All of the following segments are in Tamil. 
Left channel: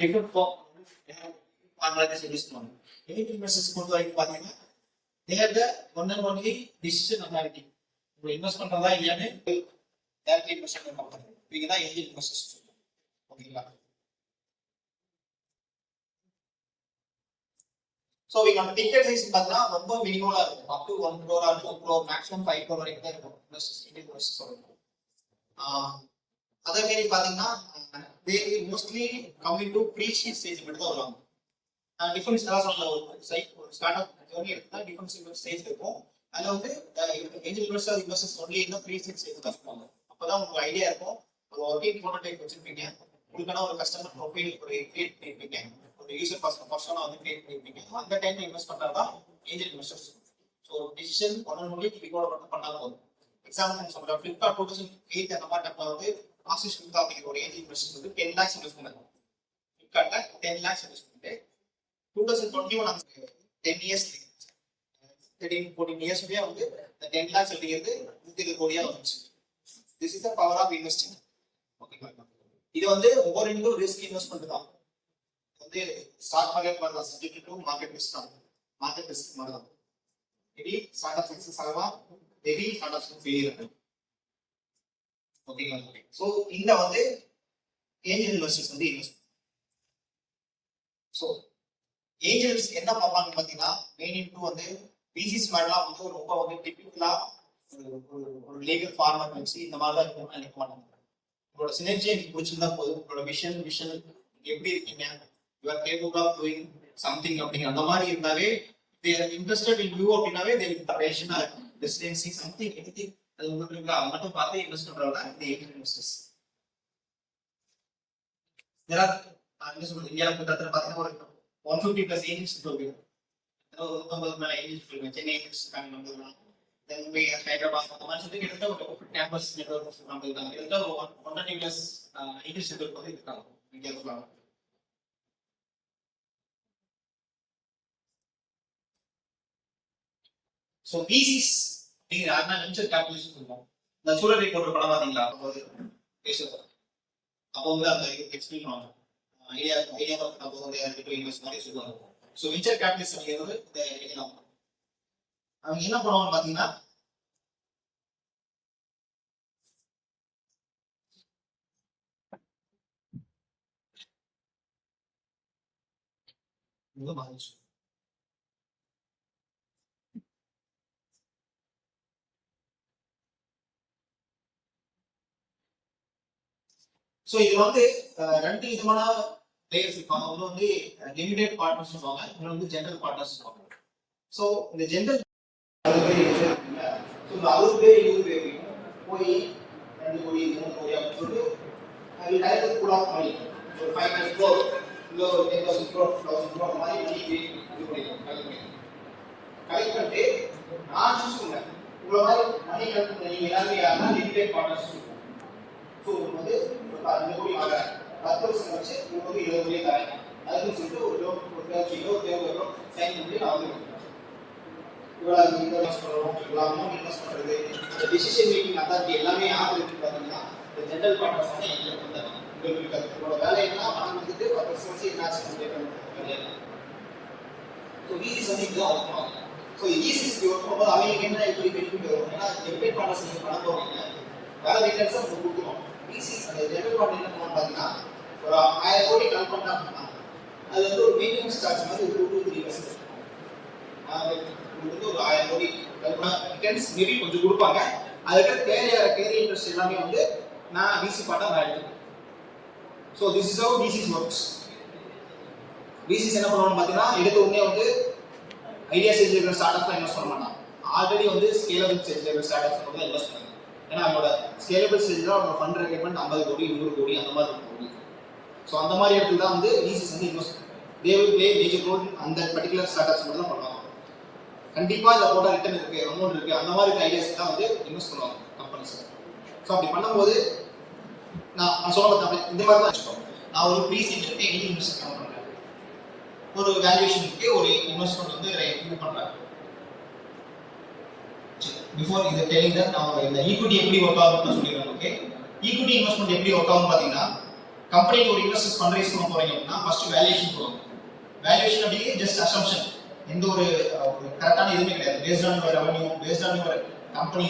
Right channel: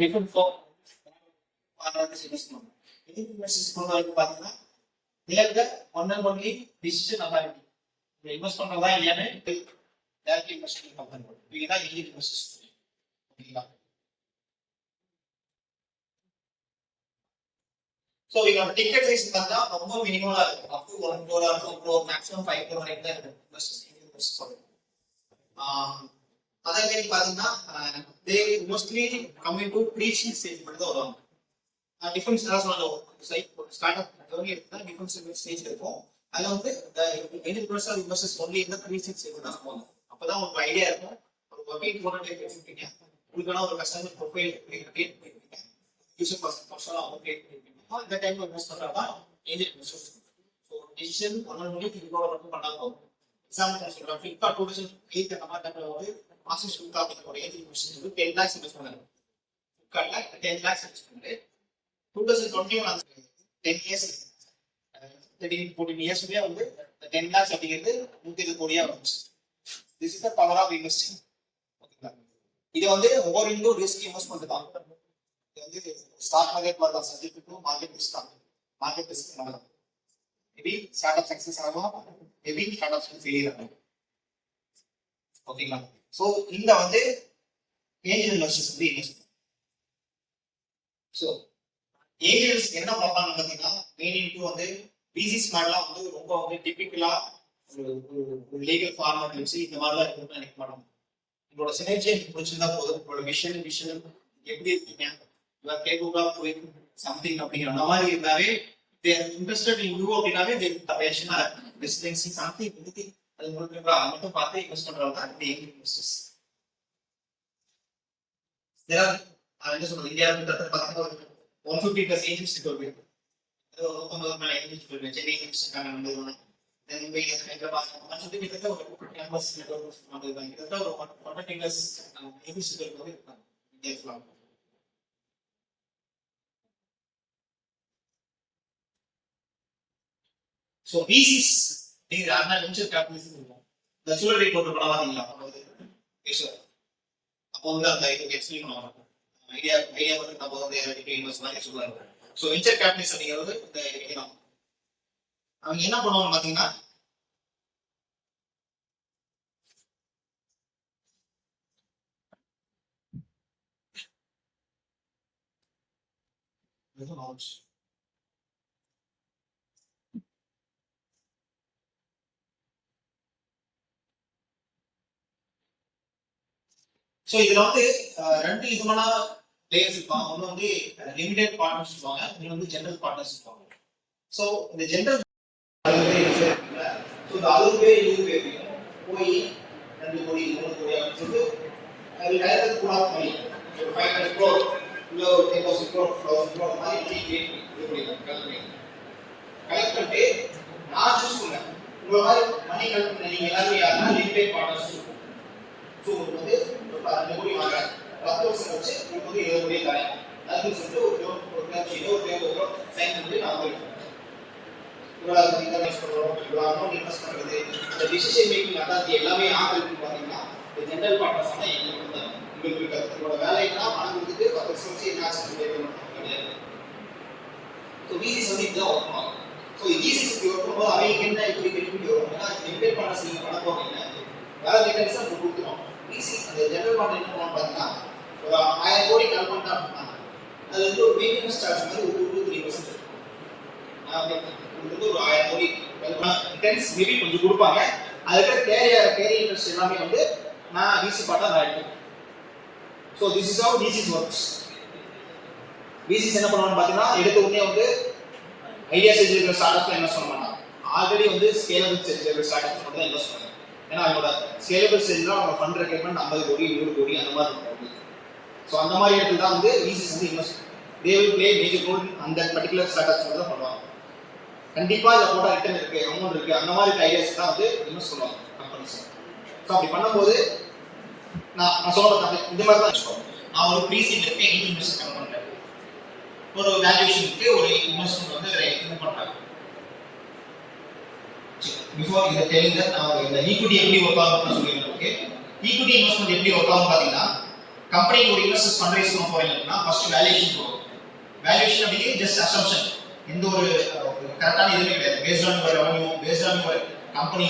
டிஃபரெண்ட் ஃபார்ம் அனலைசிஸ் யூஸ் பண்ணுவாங்க. ஏஞ்சல் இன்வெஸ்டர்ஸ் பொறுத்த வரைக்கும் பார்த்தீங்கன்னா there the one and only decision authority. இப்போ இன்வெஸ்ட் பண்றதா இல்லையான்னு டேரக்ட் இன்வெஸ்ட்மெண்ட் கம்பெனி இதுதான் ஏஞ்சல் இன்வெஸ்டர்ஸ். ஓகேங்களா? ஸோ இதோட டிக்கெட் சைஸ் பார்த்தா ரொம்ப மினிமலா இருக்கும். Up to 1 crore or 2 crore maximum 5 crore வரைக்கும் தான் இருக்கும் இன்வெஸ்டர்ஸ் இருக்கும். அதே மாதிரி பாத்தீங்கன்னா they mostly coming to pre seed stage மட்டும் தான் வருவாங்க. டிஃபரன்ஸ் எல்லாம் சொல்ல ஒரு ஸ்டார்ட் அப் ஜர்னி எடுத்தா டிஃபரன்ஸ் ஸ்டேஜ் இருக்கும். அதுல வந்து ஏஞ்சல் இன்வெஸ்டர்ஸ் ஒன்லி இந்த ப்ரீ சீட் ஸ்டேஜ் தான் சொல்லுவாங்க. அப்பதான் உங்களுக்கு ஐடியா இருக்கும். ஒரு ஒர்க்கிங் ப்ரோட்டோடைப் வச்சிருப்பீங்க, உங்களுக்கான ஒரு கஸ்டமர் ப்ரொஃபைல் கிரியேட் பண்ணிருப்பீங்க, ஒரு யூசர் பர்சனலா வந்து கிரியேட் பண்ணிருப்பீங்க. இந்த டைம்ல இன்வெஸ்ட் பண்றதா angel investors. So decision one and only Flipkart மட்டும் பண்ணா போதும். எக்ஸாம்பிள் சொல்றேன், ஃபிளிப்கார்ட் 2008 அந்த மாதிரி டைம்ல வந்து ஆசிஸ் குப்தா அப்படிங்கிற ஒரு ஏஞ்சல் இன்வெஸ்டர்ஸ் வந்து 10 lakhs இன்வெஸ்ட் பண்ணாங்க. ஃபிளிப்கார்ட்ல 10 lakhs இன்வெஸ்ட் பண்ணிட்டு 2021 10 இயர்ஸ் 13-14 இயர்ஸ்லயே வந்து 10 lakhs அப்படிங்கிறது 120 கோடியா வந்துச்சு. This is the power of investing. ஓகேங்களா? இது வந்து ஓவர் இன்டு ரிஸ்க் இன்வெஸ்ட்மெண்ட் தான். இது வந்து ஸ்டாக் மார்க்கெட் மாதிரி தான், சப்ஜெக்ட் டு மார்க்கெட் ரிஸ்க் தான். மார்க்கெட் ரிஸ்க் மாதிரி தான். மேபி ஸ்டார்ட் அப் சக்சஸ் ஆகலாம், மேபி ஸ்டார்ட் அப் ஃபெயிலியர் ஆகும். ஓகேங்களா? ஸோ இந்த வந்து ஏஞ்சல் இன்வெஸ்டர்ஸ் வந்து இன்வெஸ்ட். ஸோ ஏஞ்சல்ஸ் என்ன பார்ப்பாங்கன்னு பார்த்தீங்கன்னா மெயின் இன்டு வந்து பிசினஸ் மாதிரிலாம் வந்து ரொம்ப வந்து டிபிக்கலா ஒரு லீகல் ஃபார்மேட் வச்சு இந்த மாதிரிலாம் இருக்கும்னு நினைக்க மாட்டாங்க. உங்களோட சினர்ஜி எனக்கு பிடிச்சிருந்தா போதும், உங்களோட விஷன் எப்படி இருக்கீங்க, you are capable of doing something அப்படிங்கிற அந்த மாதிரி இருந்தாவே இன்ட்ரெஸ்டட் இன் யூ அப்படின்னாவே பேஷனா ரெசிடென்சி சம்திங் எனிதிங் அது உங்களுக்கு இருக்கா அது மட்டும் பார்த்து இன்வெஸ்ட் பண்றவங்க தான் இந்த ஏஞ்சல் இன்வெஸ்டர்ஸ். என்ன சொல்றது, இந்தியாவில் பார்த்தீங்கன்னா ஒரு 150+ ஏஜென்ட்ஸ் இருக்கு. சென்னை ஏஜென்ட்ஸ் இருக்காங்க, மும்பை, ஹைதராபாத் அந்த மாதிரி சொல்லி கிட்டத்தட்ட ஒரு கேம்பஸ் நெட்வொர்க் நம்ம இருக்காங்க. கிட்டத்தட்ட ஒரு 120+ ஏஜென்ட்ஸ் வந்து இருக்காங்க இந்தியா ஃபுல்லாக. ஸோ விசிஸ் அப்படிங்கிற வெஞ்சர் கேபிட்டலிஸ்ட் இருக்கும். இந்த சூழலை போன்ற படம் பார்த்தீங்களா, அப்போ பேசுவோம். அப்போ வந்து அந்த இதுக்கு எக்ஸ்பிளைன் பண்ணுவாங்க. ஐடியா பார்த்து அப்போ வந்து இன்வெஸ்ட் மாதிரி சொல்லுவாங்க. ஸோ வெஞ்சர் கேபிட்டலிஸ்ட் அப்படிங்கிறது இந்த இனம். அவங்க என்ன பண்ணுவாங்கன்னு பார்த்தீங்கன்னா ஸோ இதுல வந்து 2 விதமான பிளேயர்ஸ் இருப்பாங்க. ஒன்று வந்து லிமிடெட் பார்ட்னர்ஸ் இருப்பாங்க, இன்னொன்று வந்து ஜெனரல் பார்ட்னர்ஸ் இருப்பாங்க. ஸோ இந்த ஜெனரல் ஸோ இந்த 60 பேர் 20 பேரையும் போய் 2 கோடி 3 கோடி அப்படின்னு சொல்லிட்டு அது கலெக்ட் கூட மணி ஒரு 500 crore இல்லை ஒரு 10,000 crore 1,000 crore மாதிரி மணி கலெக்ட் பண்ணிட்டு நான் சூஸ் பண்ணேன். உங்களை மாதிரி மணி கலெக்ட் பண்ண நீங்க எல்லாருமே யாருன்னா லிமிடெட் பார்ட்னர்ஸ் இருக்கும். ஸோ உங்களுக்கு வந்து 2 கோடி வாங்குறேன், 10 வருஷம் வச்சு உங்களுக்கு வந்து 20 கோடி தரேன் அதுன்னு சொல்லிட்டு ஒரு பேப்பர் சைன் பண்ணி நான் வந்து இன்வெஸ்ட் பண்றது இந்த டிசிஷன் மேக்கிங் அத்தாரிட்டி எல்லாமே யார் இருக்குன்னு பார்த்தீங்கன்னா இந்த ஜெனரல் பார்ட்னர்ஸ் தான் எங்களுக்கு வந்து உங்களுக்கு உங்களோட வேலைன்னா பணம் வந்துட்டு 10 வருஷம் வச்சு என்னாச்சு கிடையாது. ஸோ விசிஸ் வந்து இதுதான் ஒர்க் பண்ணுவாங்க. ஸோ விசிஸ் ஒர்க் பண்ணும்போது அவங்க என்ன எப்படி பெனிஃபிட் வரும், ஏன்னா லிமிடெட் பார்ட்னர்ஸ் நீங்கள் பண்ண போவீங்க வேலை ரிட்டர்ன்ஸ் உங்களுக்கு கொடுத்துருவோம். விசிஸ் அந்த ஜெனரல் பார்ட்னர் என்ன பண்ணுவாங்க பார்த்தீங்கன்னா ஒரு 1000 கோடி கலெக்ட் பண்ணா அப்படின்னா அது வந்து ஒரு மெயின்டெனன்ஸ் சார்ஜ் மாதிரி ஒரு 2-3% வந்து ஒரு 1000 கோடி ரிட்டர்ன்ஸ் மேபி கொஞ்சம் கொடுப்பாங்க. அதுக்கு கேரி இன்ட்ரெஸ்ட் எல்லாமே வந்து நான் விசி பார்த்தா நான் எடுத்துக்கிறேன். So this is how VCs works. VCs என்ன பண்ணுவாங்க பார்த்தீங்கன்னா எடுத்த உடனே வந்து ஐடியா ஸ்டேஜில் இருக்கிற ஸ்டார்ட் அப்ஸ் இன்வெஸ்ட் பண்ண மாட்டாங்க. ஆல்ரெடி வந்து ஸ்கேலபிள் ஸ்டேஜில் இருக்கிற ஸ்டார்ட் அப்ஸ் மட்டும் தான் இன்வெஸ்ட் பண்ணுவாங்க. ஏன்னா அவங்களோட ஸ்கேலபிள் ஸ்டேஜில் அவங்க ஃபண்ட் ரெக்யர்மெண்ட் 50 கோடி 100 கோடி அந்த மாதிரி இருக்கும். ஸோ அந்த மாதிரி இடத்துல தான் வந்து விசிஸ் வந்து invest they will play major role அந்த பர்டிகுலர் ஸ்டார்ட் அப்ஸ் தான் பண்ணுவாங்க. கண்டிப்பா இதை போட்டா ரிட்டர்ன் இருக்கு, அமௌண்ட் இருக்கு, அந்த மாதிரி ஐடியாஸ் தான் வந்து இன்வெஸ்ட் பண்ணுவாங்க கம்பெனிஸ். ஸோ அப்படி பண்ணும்போது நான் சொல்ல இந்த மாதிரி தான் வச்சுக்கோங்க. நான் ஒரு ப்ரீசீட் இருக்கு, இன்வெஸ்ட் பண்றேன், ஒரு வேல்யூஷன் இருக்கு, ஒரு இன்வெஸ்ட்மெண்ட் வந்து இது பண்றேன். பிஃபோர் இதை டெல்லிங் தட் நான் இந்த ஈக்விட்டி எப்படி ஒர்க் ஆகும்னு சொல்லிடுறேன். ஓகே, ஈக்விட்டி இன்வெஸ்ட்மெண்ட் எப்படி ஒர்க் ஆகும் பார்த்தீங்கன்னா கம்பெனிக்கு ஒரு இன்வெஸ்டர்ஸ் ஃபண்ட் பண்ண போறீங்க அப்படின்னா ஃபர்ஸ்ட் வேல்யூஷன் போகும். வேல்யூஷன் அப்படியே ஜஸ்ட் அசம்ஷன், எந்த ஒரு கரெக்டான எதுவுமே கிடையாது. Based on your revenue, based on your company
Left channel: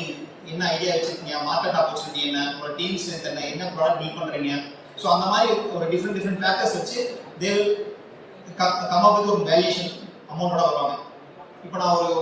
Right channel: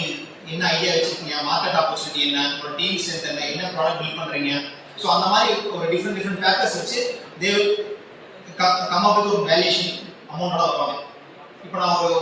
என்ன ஐடியா வச்சிருக்கீங்க, மார்க்கெட் ஆப்பர்ச்சுனிட்டி என்ன, உங்களோட டீம் ஸ்ட்ரென்த் என்ன ப்ராடக்ட் பில்ட் பண்றீங்க. ஸோ அந்த மாதிரி ஒரு டிஃப்ரெண்ட் ஃபேக்டர்ஸ் வச்சு they will come up with ஒரு வேல்யூஷன் அமௌண்டோட வருவாங்க. இப்போ நான் ஒரு